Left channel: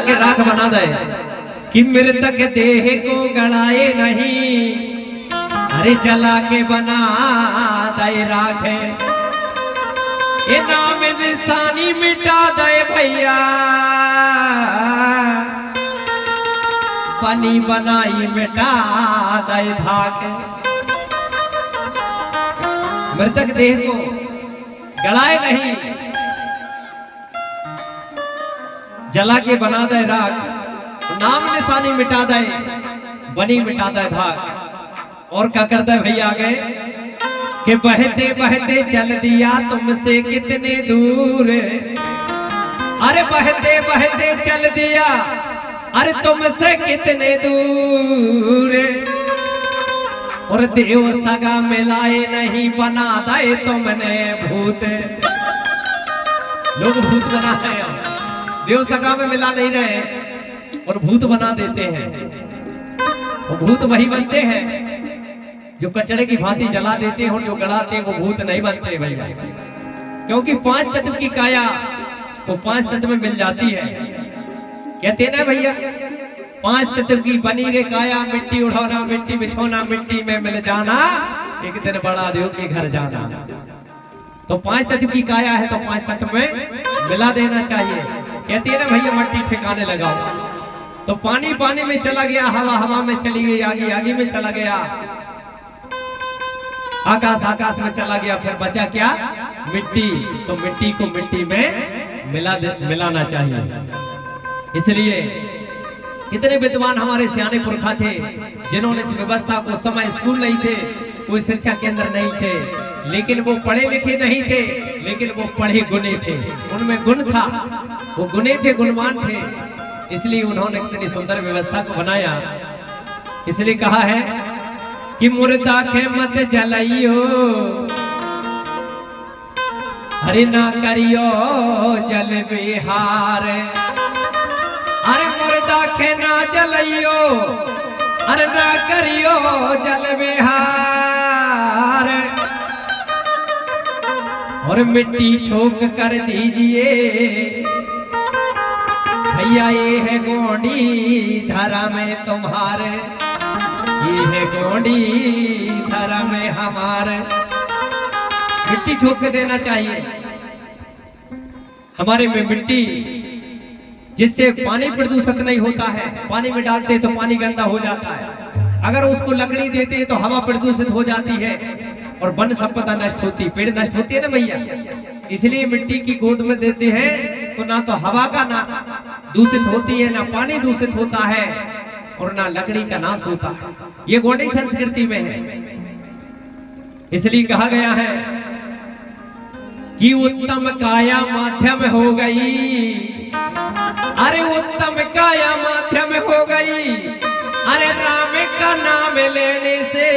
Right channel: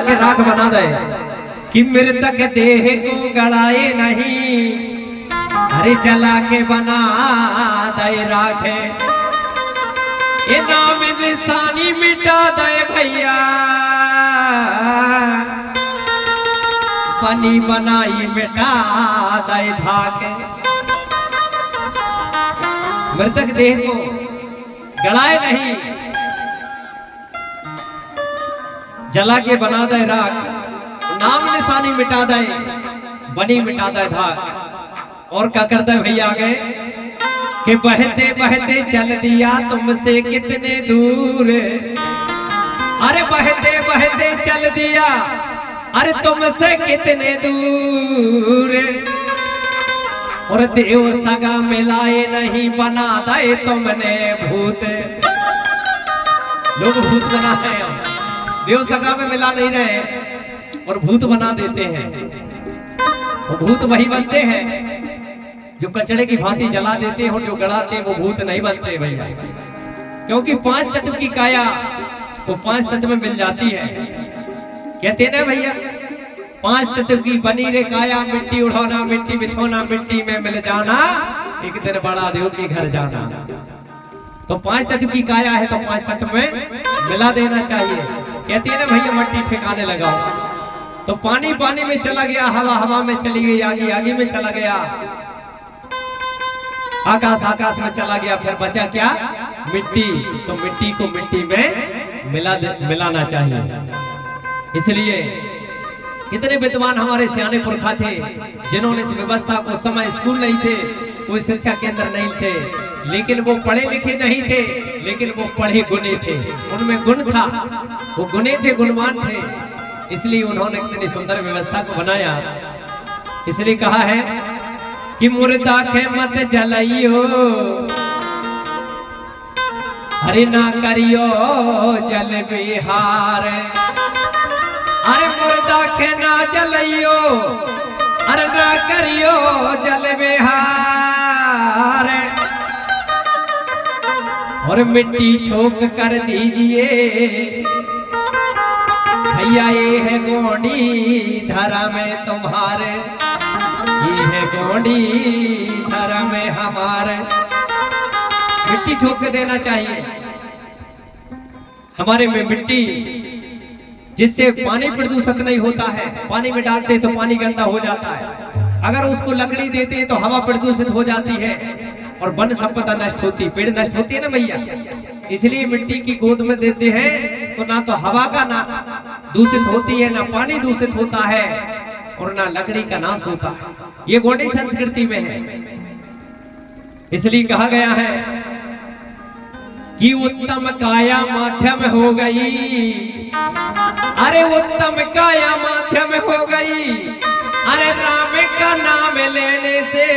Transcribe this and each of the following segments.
के राख बना दे कि मृतक देह को गड़ाए नहीं, अरे जला के बना दे राख, ये नाम निशानी मिटा दे भैया, बनी बनाई मिटा दे धाक। मृतक देह को गड़ाए नहीं, जला के बना दे राख, नाम निशानी मिटा दे, बनी मिटा दे धाक। और क्या करता है भैया आगे कि बहते बहते चल दिया तुमसे कितने दूर, अरे बहते बहते चल दिया अरे तुमसे कितने दूर, और देव सगा मिलाए नहीं बना दे तुमने भूत। लोग भूत बना है, देव सगा में मिला नहीं रहे और भूत बना देते हैं। वो भूत वही बनते हैं जो कचड़े की भांति जला देते हैं, और जो गड़ाते हैं वो भूत नहीं बनते भैया। क्योंकि 5 तत्व की काया तो 5 तत्व में मिल जाती है। कहते ना भैया 5 तत्व की बनी रे काया, मिट्टी उड़ाना मिट्टी बिछोना मिट्टी में मिल जाना, एक दिन बड़ा देव के घर जाना। तो 5 तत्व की काया है तो 5 तत्व में मिला देना चाहिए। कहती है ना भैया मट्टी ठिकाने लगाओ, तो पानी पानी में चला गया, हवा हवा में चली गई, आगे आगे में चला गया, आकाश आकाश में चला गया, फिर बचा क्या? मिट्टी। तो मिट्टी को मिट्टी में मिलाना चाहिए। इसलिए कितने विद्वान हमारे सियाने पुरखा थे जिन्होंने इस व्यवस्था को, समय स्कूल नहीं थे, कोई शिक्षा केंद्र नहीं थे, लेकिन वो पढ़े लिखे नहीं थे, लेकिन वो पढ़े गुने थे, उनमें गुण था, वो गुने थे, गुणवान थे, इसलिए उन्होंने इतनी सुंदर व्यवस्था को बनाया। इसलिए कहा है कि मुर्दा के मत जलाइयो, अरे ना करियो जल बिहार, अरे मुर्दा के ना जलाइयो, अरे ना करियो जल बिहार, और मिट्टी ठोक कर दीजिए भैया, ये है गोंडी धरा में तुम्हारे, ये है गोंडी धरा में हमारे। मिट्टी ठोक देना चाहिए हमारे में मिट्टी, जिससे पानी प्रदूषित नहीं होता है। पानी में डालते तो पानी गंदा हो जाता है, अगर उसको लकड़ी देते हैं तो हवा प्रदूषित हो जाती है और वन संपदा नष्ट होती, पेड़ नष्ट होती है ना भैया। इसलिए मिट्टी की गोद में देते हैं तो ना तो हवा का ना दूषित होती है, ना पानी दूषित होता है, और ना लकड़ी का नाश होता है। ये गोंडी संस्कृति में है। इसलिए कहा गया है कि उत्तम काया माध्यम हो गई, अरे उत्तम काया माध्यम हो गई, अरे राम का नाम लेने से,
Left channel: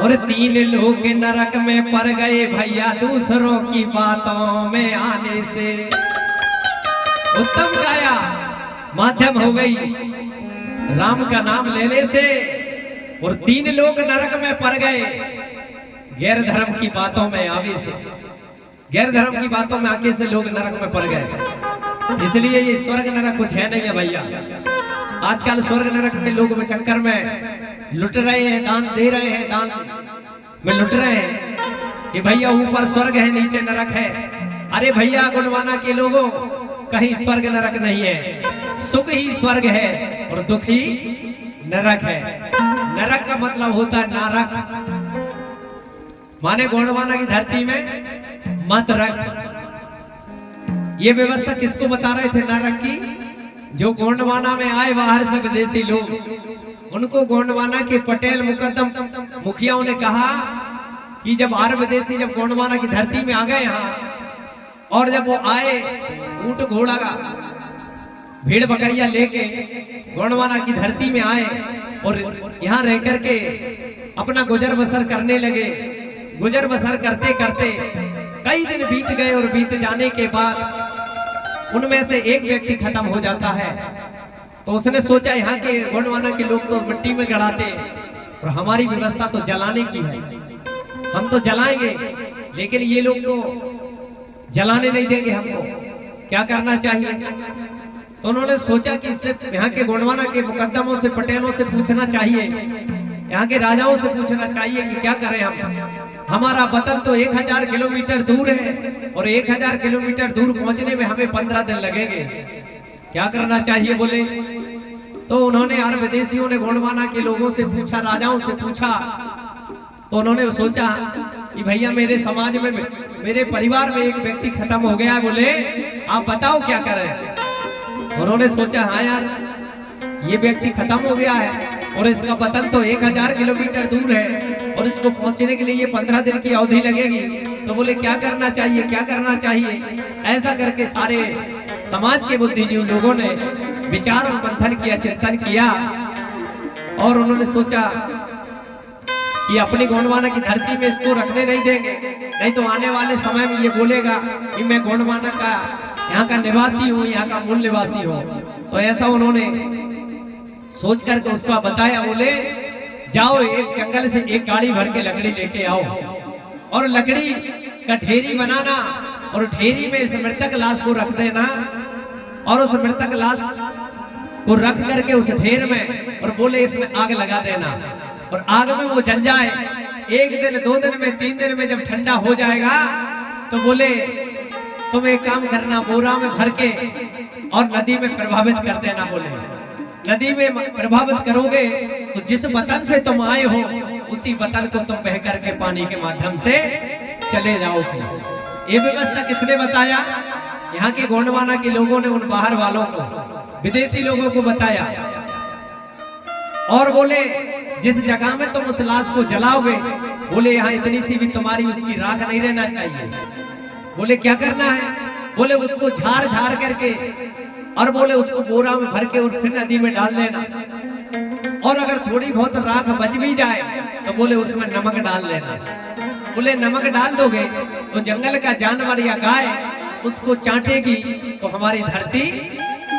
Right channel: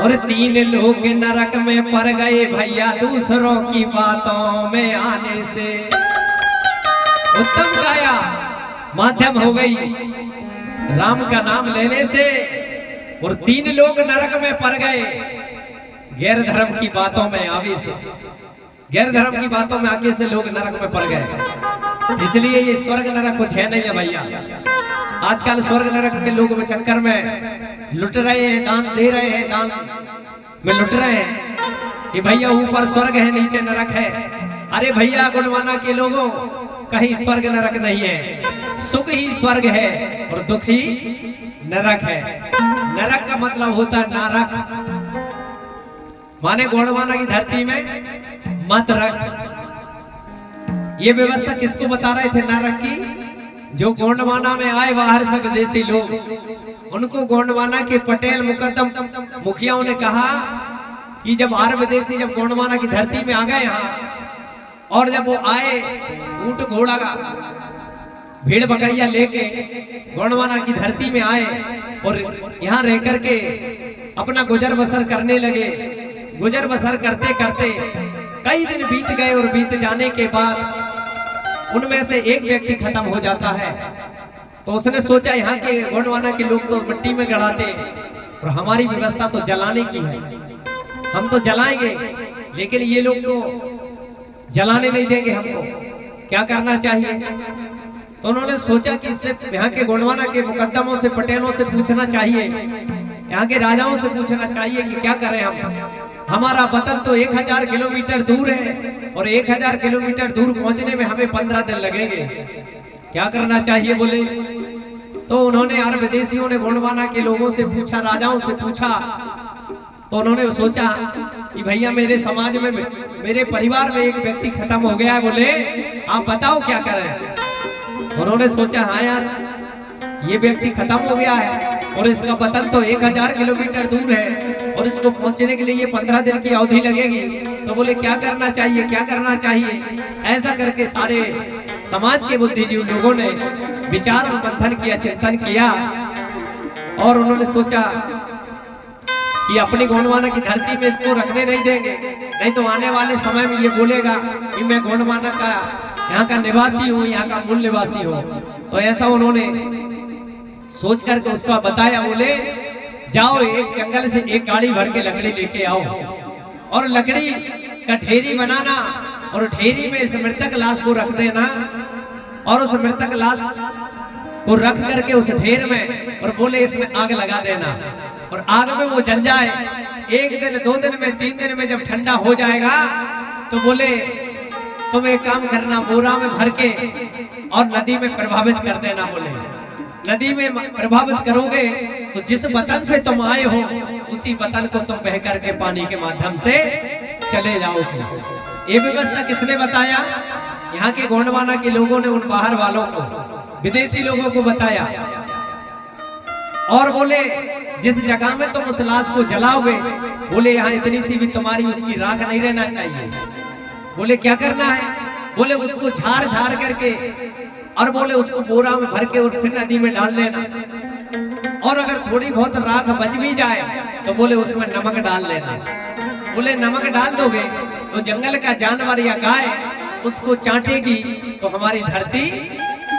और 3 लोग नरक में पड़ गए भैया दूसरों की बातों में आने से। उत्तम काया माध्यम हो गई राम का नाम लेने से, और 3 लोग नरक में पड़ गए गैर धर्म की बातों में आवे से। गैर धर्म की बातों में आगे से लोग नरक में पड़ गए। इसलिए ये स्वर्ग नरक कुछ है नहीं है भैया। आजकल स्वर्ग नरक के लोग में चक्कर में लुट रहे हैं, दान दे रहे हैं, दान में लुट रहे हैं कि भैया ऊपर स्वर्ग है नीचे नरक है। अरे भैया गुणवाना के लोगों, कहीं स्वर्ग नरक नहीं है, सुख ही स्वर्ग है और दुख ही नरक है। नरक का मतलब होता है नारक, माने गोंडवाना की धरती में मत रख। ये व्यवस्था किसको बता रहे थे नरक की? जो गोंडवाना में आए बाहर से विदेशी लोग, उनको गोंडवाना के पटेल मुकद्दम मुखियाओं ने कहा कि जब बाहर विदेशी जब गोंडवाना की धरती में आ गए यहाँ, और जब वो आए ऊंट घोड़ा भीड़ बकरिया लेके गोंडवाना की धरती में आए और यहाँ रह करके अपना गुजर बसर करने लगे। गुजर बसर करते करते कई दिन बीत गए, और बीत जाने के बाद उनमें से एक व्यक्ति खत्म हो जाता है। तो उसने सोचा यहाँ के गोंडवाना के लोग तो मिट्टी में गड़ाते, और हमारी व्यवस्था तो जलाने की है, हम तो जलाएंगे, लेकिन ये लोग तो जलाने नहीं देंगे हमको। क्या करना चाहिए? तो उन्होंने सोचा कि इससे यहाँ के गोंडवाना के मुकद्दमों से, पटेलों से पूछना चाहिए, यहाँ के राजाओं से पूछना चाहिए कि क्या करें हम। हमारा वतन तो 1000 किलोमीटर दूर है और 1000 किलोमीटर दूर पहुंचने में हमें 15 दिन लगेंगे, क्या करना चाहिए बोले। तो उन्होंने यार विदेशियों ने गोंडवाना के लोगों से पूछा, राजाओं से पूछा। तो उन्होंने सोचा कि भैया मेरे समाज में, मेरे परिवार में एक व्यक्ति खत्म हो गया है, बोले आप बताओ क्या करें। उन्होंने सोचा हाँ यार ये व्यक्ति खत्म हो गया है और इसका वतन तो 1000 किलोमीटर दूर है और इसको पहुंचने के लिए ये 15 दिन की अवधि लगेगी। तो बोले क्या करना चाहिए, क्या करना चाहिए। ऐसा करके सारे समाज के बुद्धिजीवी लोगों ने विचार और मंथन किया, चिंतन किया और उन्होंने सोचा कि अपनी गोंडवाना की धरती में इसको रखने नहीं देंगे, नहीं तो आने वाले समय में ये बोलेगा कि मैं गोंडवाना का यहाँ का निवासी हूँ, यहाँ का मूल निवासी हूँ। तो ऐसा उन्होंने सोच करके उसका बताया, बोले जाओ एक जंगल से एक गाड़ी भर के लकड़ी लेके आओ और लकड़ी का ढेरी बनाना और ढेरी में इस मृतक लाश को रख देना और उस मृतक लाश को रख करके उस ढेर में और बोले इसमें आग लगा देना और आग में वो जल जाए। 1 दिन 2 दिन में 3 दिन में जब ठंडा हो जाएगा तो बोले तुम एक काम करना, बोरा में भर के और नदी में प्रभावित कर देना। बोले नदी में प्रभावित करोगे तो जिस वतन से तुम आए हो उसी वतन को तुम बह करके पानी के माध्यम से चले जाओगे। ये व्यवस्था किसने बताया? यहाँ के गोंडवाना के लोगों ने उन बाहर वालों को, विदेशी लोगों को बताया और बोले जिस जगह में तुम उस लाश को जलाओगे, बोले यहाँ इतनी सी भी तुम्हारी उसकी राख नहीं रहना चाहिए। बोले क्या करना है? बोले उसको झाड़ झाड़ करके और बोले उसको बोरा में भर के और फिर नदी में डाल देना और अगर थोड़ी बहुत राख बच भी जाए तो बोले उसमें नमक डाल लेना। बोले नमक डाल दोगे तो जंगल का जानवर या गाय उसको चाटेगी तो हमारी धरती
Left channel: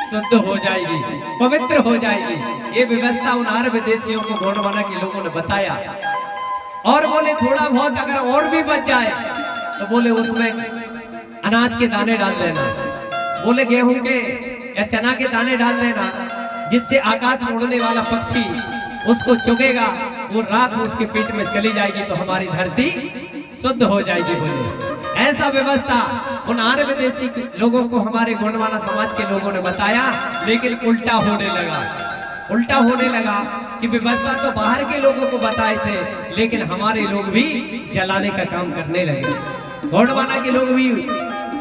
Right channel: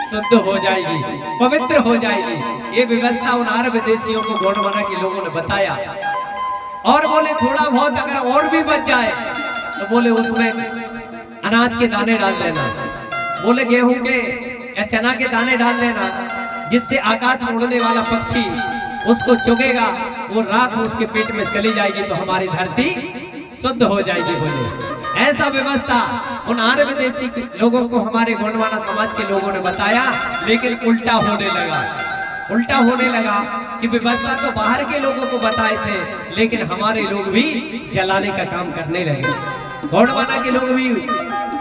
शुद्ध हो जाएगी, पवित्र हो जाएगी। ये व्यवस्था उन आर्य विदेशियों को गोंडवाना के लोगों ने बताया और बोले थोड़ा बहुत अगर और भी बच जाए तो बोले उसमें अनाज के दाने डाल देना, बोले गेहूं के या चना के दाने डाल देना, जिससे आकाश में उड़ने वाला पक्षी उसको चुगेगा, वो राख उसके पेट में चली जाएगी तो हमारी धरती शुद्ध हो जाएगी। बोले ऐसा व्यवस्था उन आर्य विदेशी लोगों को हमारे गोंडवाना समाज के लोगों ने बताया, लेकिन उल्टा होने लगा। उल्टा होने लगा कि व्यवस्था तो बाहर के लोगों को बताए थे लेकिन हमारे लोग भी जलाने का काम करने लगे। गोंडवाना के लोग भी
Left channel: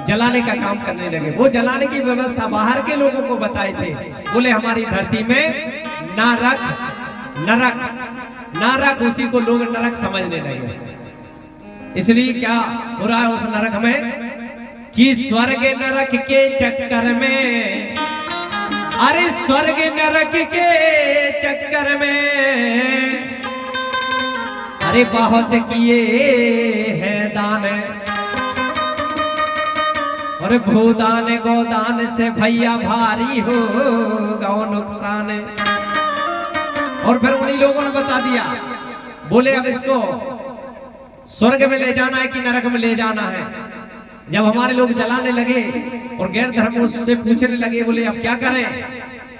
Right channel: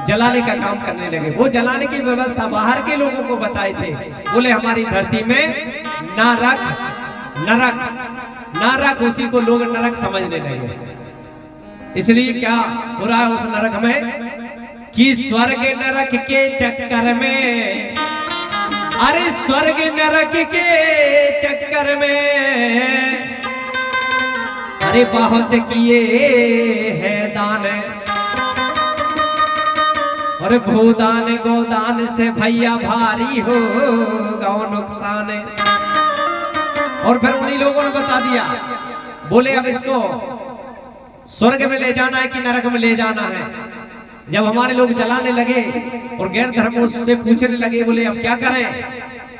जलाने का काम करने लगे। वो जलाने की व्यवस्था बाहर के लोगों को बताए थे। बोले हमारी धरती में ना रख, नरक, ना रख, उसी को लोग नरक समझने लगे। इसलिए क्या हो रहा है उस नरक में कि स्वर्ग नरक के चक्कर में, अरे स्वर्ग नरक के चक्कर में अरे बहुत किए हैं दान और भूदान गोदान से भैया भारी हो गौ नुकसान। और फिर उन्हीं लोगों ने बता दिया, बोले अब इसको स्वर्ग में ले जाना है कि नरक में ले जाना है। जब हमारे लोग जलाने लगे और गैर धर्म उससे पूछने लगे, बोले अब क्या करें?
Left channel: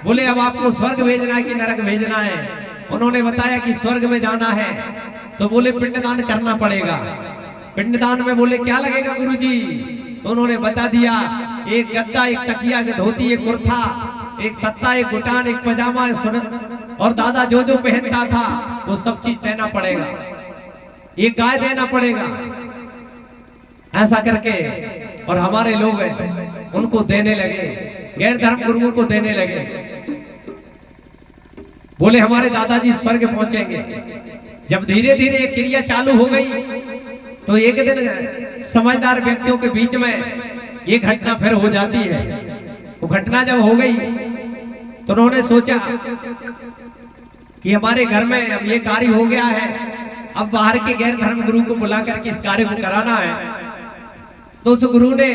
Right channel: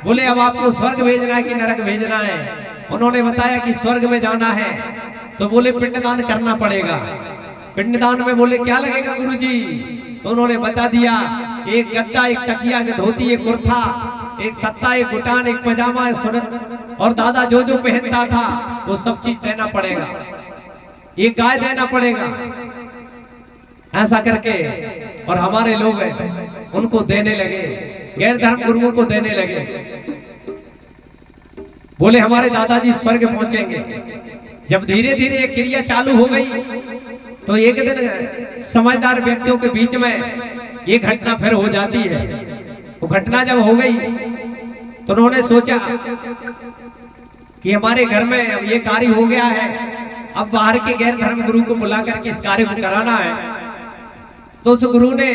बोले अब आपको स्वर्ग भेजना है कि नरक भेजना है? उन्होंने बताया कि स्वर्ग में जाना है। तो बोले पिंडदान करना पड़ेगा। पिंडदान में बोले क्या लगेगा गुरुजी? तो उन्होंने बता दिया, एक गद्दा, एक तकिया, एक धोती, एक कुर्ता, एक सत्ता, एक गुटान, एक पजामा, एक सुनत और दादा जो जो पहनता था वो सब चीज देना पड़ेगा, ये गाय देना पड़ेगा। ऐसा करके और हमारे लोग उनको देने लगे, गैर धर्म गुरुओं को देने लगे। बोले हमारे दादाजी स्वर्ग पहुंचेंगे। जब धीरे धीरे ये क्रिया चालू हो गई तो एक दिन समझदार व्यक्तियों के बीच में ये घटना फिर हो जाती है। वो घटना जब हो गई तो उन्होंने सोचा कि हमारे घर में अब ये कार्य हो गया है, अब बाहर के गैर धर्म गुरु को बुला करके इस कार्य को कराना है। तो उस गुरु ने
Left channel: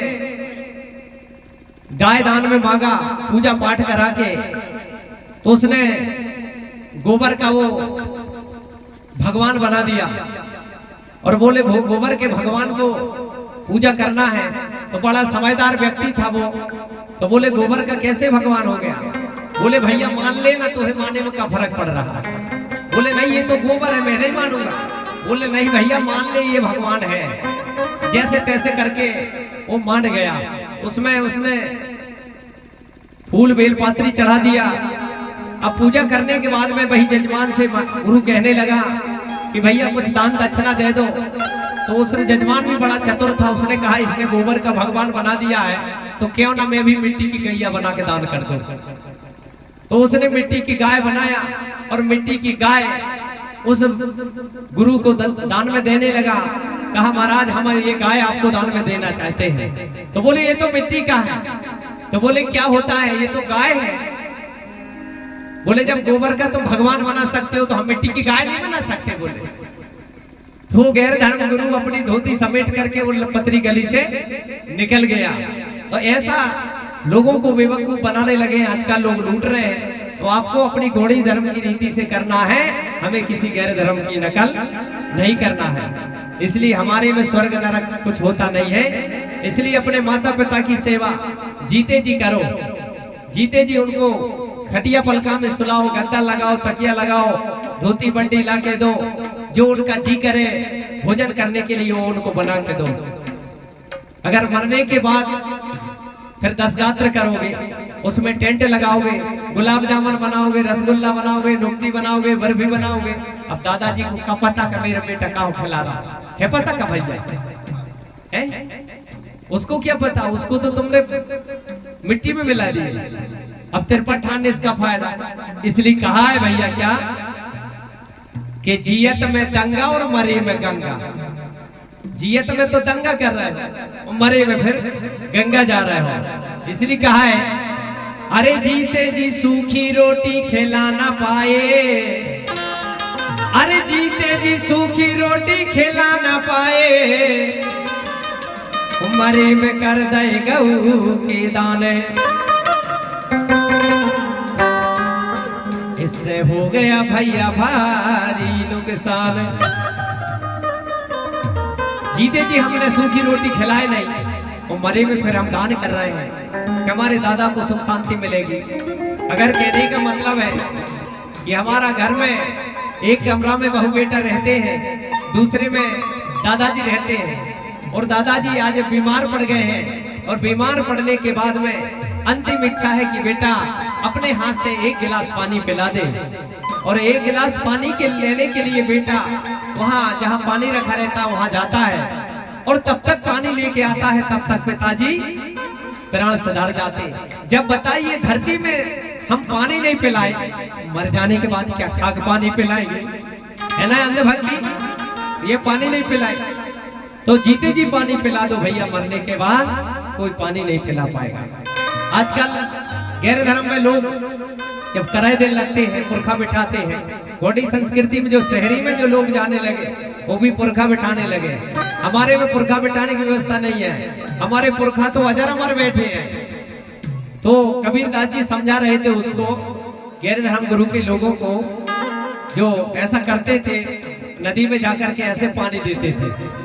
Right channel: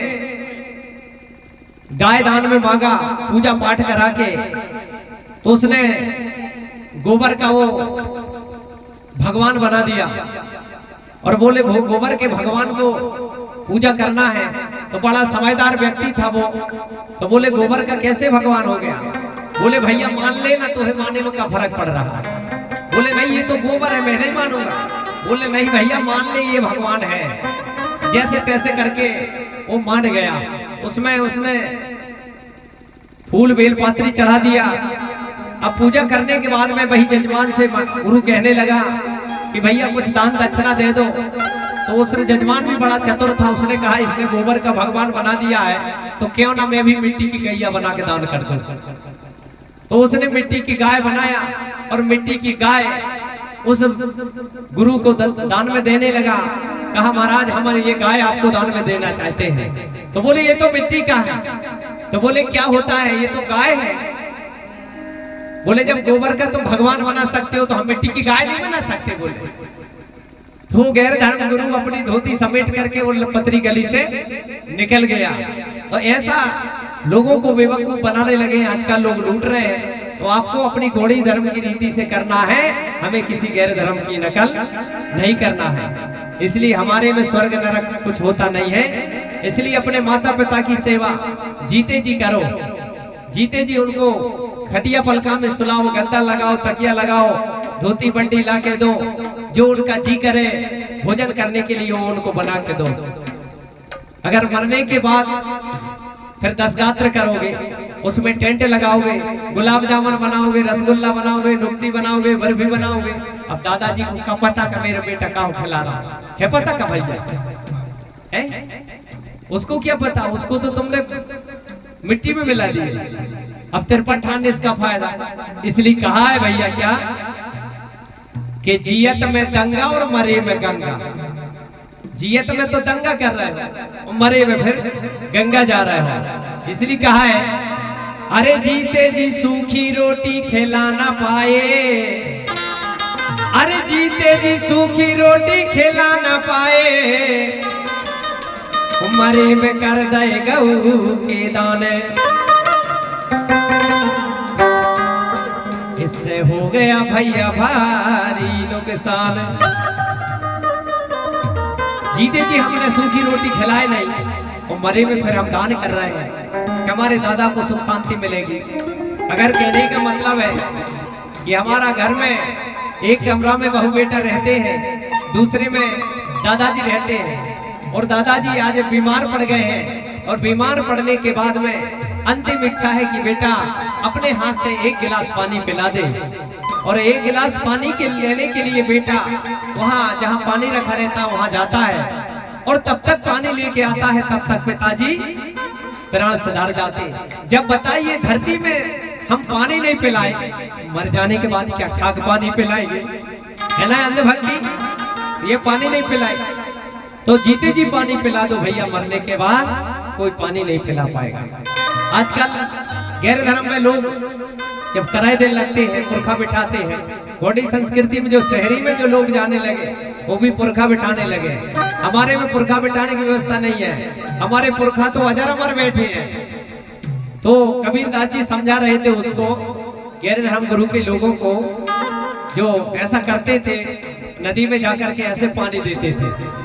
गाय दान में मांगा, पूजा पाठ करा के, तो उसने गोबर का वो भगवान बना दिया और बोले गोबर के भगवान को पूजा करना है। तो बड़ा समझदार व्यक्ति था वो। तो बोले गोबर का कैसे भगवान हो गया? बोले भैया मान ले ना, तुझे मानने में क्या फर्क पड़ रहा है? बोले नहीं ये तो गोबर है, मैं नहीं मानूंगा। बोले नहीं भैया मान ले ये भगवान है। जैसे तैसे करके वो मान गया। उसमें उसने फूल बेलपात्री चढ़ा दिया। अब पूजा करने के बाद में वही जजमान से गुरु कहने लगा कि भैया कुछ दान दक्षिणा दे दो। तो उस जजमान भी बड़ा चतुर था, उसने कहा इसने गोबर का भगवान बना दिया है तो क्यों ना मैं भी मिट्टी की गैया बना के दान कर दूं। तो उसने मिट्टी की गाय बनाया और मिट्टी की गाय उस गुरु को दान में देने लगा। कहा महाराज हम ये गाय आपको दान में देना चाहते हैं। तो बोले ये तो मिट्टी का है। तो बोले क्या होता है? ये तो गाय है। बोले जब गोबर का तुम भगवान बना सकते हो तो हम मिट्टी की गाय नहीं बना सकते। बोले तो गैर धर्म गुरु अपनी धोती समेट करके वो पतरी गली से निकल गया। और ऐसा लोगों को बेवकूफ बनाने लगे। आजकल लोग लूट रहे हैं। तो आपको अपनी घोड़ी धर्म की रीति से करना है, हमें किसी गैर धर्म की नकल नहीं करना है। इसलिए हमारे में स्वर्ग नरक कुछ होता नहीं है। इसलिए अपने माता पिता की सेवा जीते जी करो। जीते जी उनको खटिया पलका में सुलाओ, गद्दा लगाओ, तकिया लगाओ, धोती बंडी ला के दो। जो उनका जी करे भोजन करने के लिए वो उनको बना के दो। अगर मरने के बाद फिर 10 गात्र करोगे, उसमें टेंट लगाओगे, गुलाब जामुन बनाओगे, रसगुल्ला बनाओगे, नुक्ती बनाओगे, बर्फी बनाओगे। अब दादाजी को क्या पता का मेरा बेटा का खिला रहा है? पता का भैया है? उसको क्या पता? उसको तो तुमने मिट्टी में मिला दी। अब तिरपन ठाने इसका फायदा। इसलिए कहा है भैया क्या कि जियत में दंगा और मरे में गंगा। जियत में तो दंगा कर रहा है, मरे में फिर गंगा जा रहा है। इसलिए कहा है अरे जीते जी सूखी रोटी खिला ना पाए। अरे जीते जी सूखी रोटी खिला ना पाए, मरे में कर दे गऊ के दाने। इससे हो गया भैया भारी नुकसान। जीते जी हमने सूखी रोटी खिलाए नहीं और मरे में फिर हम दान कर रहे हैं कि हमारे दादा को सुख शांति मिलेगी। अगर कहने का मतलब है कि हमारा घर में एक कमरा में बहू बेटा रहते हैं, दूसरे में दादाजी रहते हैं और दादाजी आज बीमार पड़ गए हैं और बीमार पड़ने के बाद में अंतिम इच्छा है कि बेटा अपने हाथ से एक गिलास पानी पिला दे। और एक गिलास पानी के लेने के लिए बेटा वहां जहां पानी रखा रहता है वहां जाता है और तब तक पानी लेके आता है, तब तक पिताजी प्राण सुधार जाते। जब बताइए धरती में हम पानी नहीं पिलाए, मर जाने के बाद क्या ठाक पानी पिलाएंगे? है ना अंधभक्ति? ये पानी नहीं पिलाए तो जीते जी पानी पिला दो भैया, मरने के बाद कोई पानी नहीं पिला पाएगा। आजकल गैर धर्म में लोग जब कराए दिन लगते हैं पुरखा बिठाते हैं। घोड़ी संस्कृति में जो शहरी में जो लोग जाने लगे वो भी पुरखा बिठाने लगे। हमारे में पुरखा बिठाने की व्यवस्था नहीं है। हमारे पुरखा तो अजर अमर बैठे हैं। तो कबीर दास जी समझा रहे थे उसको, गैर धर्म गुरु के लोगों को जो ऐसा करते थे, नदी में जाकर के ऐसे पानी देते थे।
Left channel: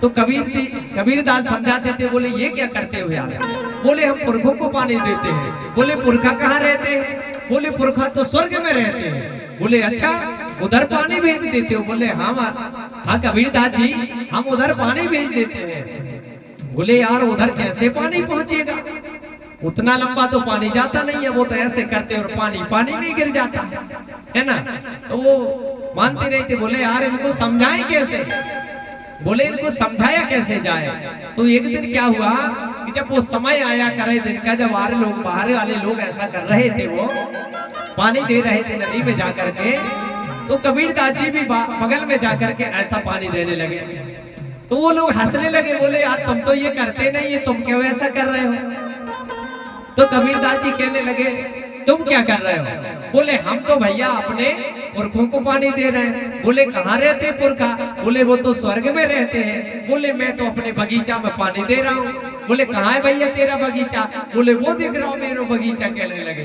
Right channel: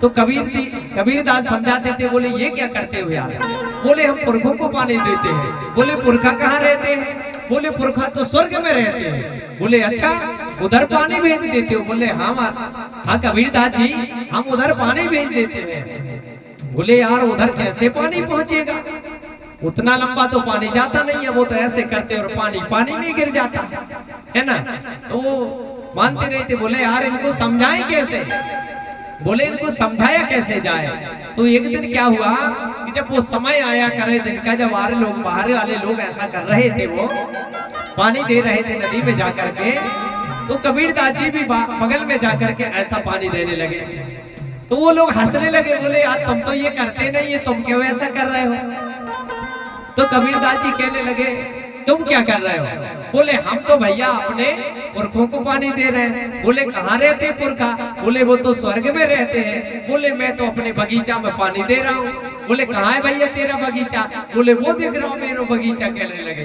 तो कबीर दास समझाते थे, बोले ये क्या करते हो यार? बोले हम पुरखों को पानी देते हैं। बोले पुरखा कहाँ रहते हैं? बोले पुरखा तो स्वर्ग में रहते हैं। बोले अच्छा उधर पानी भेज देते हो? बोले हाँ कबीर दास जी हम उधर पानी भेज देते हैं। बोले यार उधर कैसे पानी पहुंचेगा? उतना लंबा तो पानी जाता नहीं है, वो तो ऐसे करते और पानी में गिर जाता है ना। तो वो मानते नहीं थे। बोले यार इनको समझाएं कैसे? बोले इनको समझाया कैसे जाए? तो एक दिन क्या हुआ कि जब वो समय आया करे दिन का, जब बाहर वाले लोग ऐसा कर रहे थे, वो पानी दे रहे थे नदी में जाकर के, तो कबीर दास जी भी बगल में जाकर के ऐसा पानी देने लगे। तो वो लोग हंसने लगे। बोले यार तुम तो ये करते नहीं है, तुम क्यों ऐसा कर रहे हो? तो कबीर दास जी कहने लगे तुम क्या कर रहे हो? बोले हम तो भैया अपने पुरखों को पानी दे रहे हैं। बोले कहाँ रहते पुरखा? बोले वो तो स्वर्ग में रहते हैं। बोले मैं तो अपने बगीचा में पानी दे रहा हूँ। बोले कहाँ है भैया तेरा बगीचा? बोले वो देख रहा हूँ मेरा बगीचा। कहने लगे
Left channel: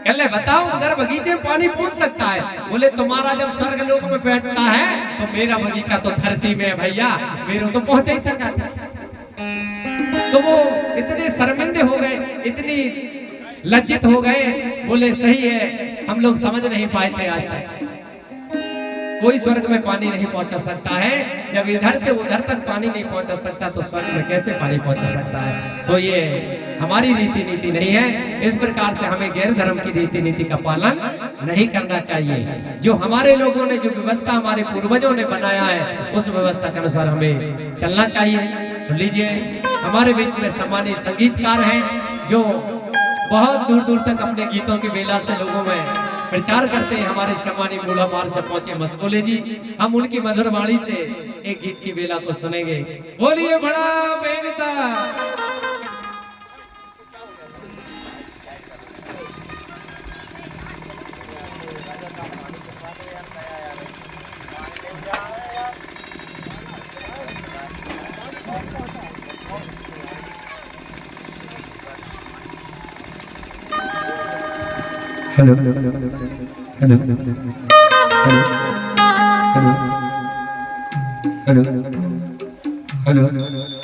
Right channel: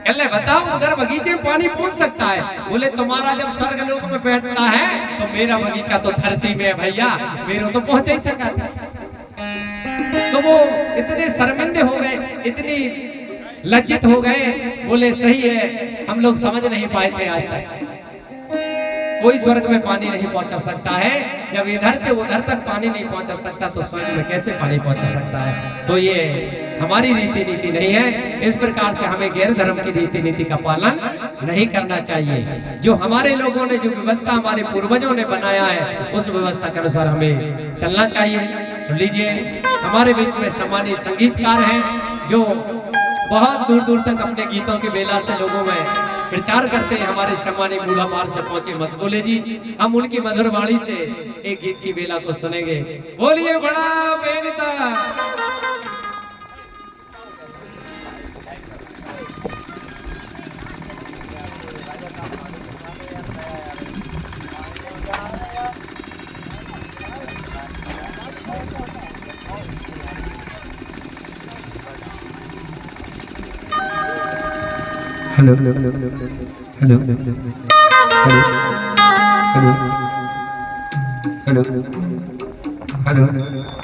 कहले बताओ उधर बगीचे में पानी पहुंच सकता है? बोले तुम्हारा जब स्वर्ग लोक में पहुंचता है तो मेरा बगीचा तो धरती में है भैया, मेरा तो पहुंच ही सका था। तो वो इतने शर्मिंदे हो गए, इतनी लज्जित हो गए, बोले सही है, हम लोग समझ नहीं पाए थे आज तक। कोई स्वर्ग में पानी नहीं पहुंचा सकता है। जब इधर से उधर तक पानी नहीं पहुंचा सकता तो स्वर्ग में कैसे पानी पहुंचा सकता है? तो ये हमारी रीति नीति नहीं है। इस प्रकार से हमें गैर धर्म की रीति नीति का पालन नहीं करना चाहिए। जो हमारे लोगों ने, जो व्यवस्था हमारे पूर्वजों ने बनाया है, उस व्यवस्था के अनुसार हमें चलना चाहिए। तो लीजिए, हमारे बीच में सम्मानित संगीतकार हैं जो बहुत दूर दूर तक अपने गीतों की बेला से लोगों में प्रचार करते हैं। हमारे सम्मानित बूढ़ा पार से पहुंचे मस्कोले जी, हम उनकी मधुर वाणी से एक गीत की बेला को सुनेंगे। बोलिए बड़ा बेनता। Hello hello hello hello hello hello hello hello hello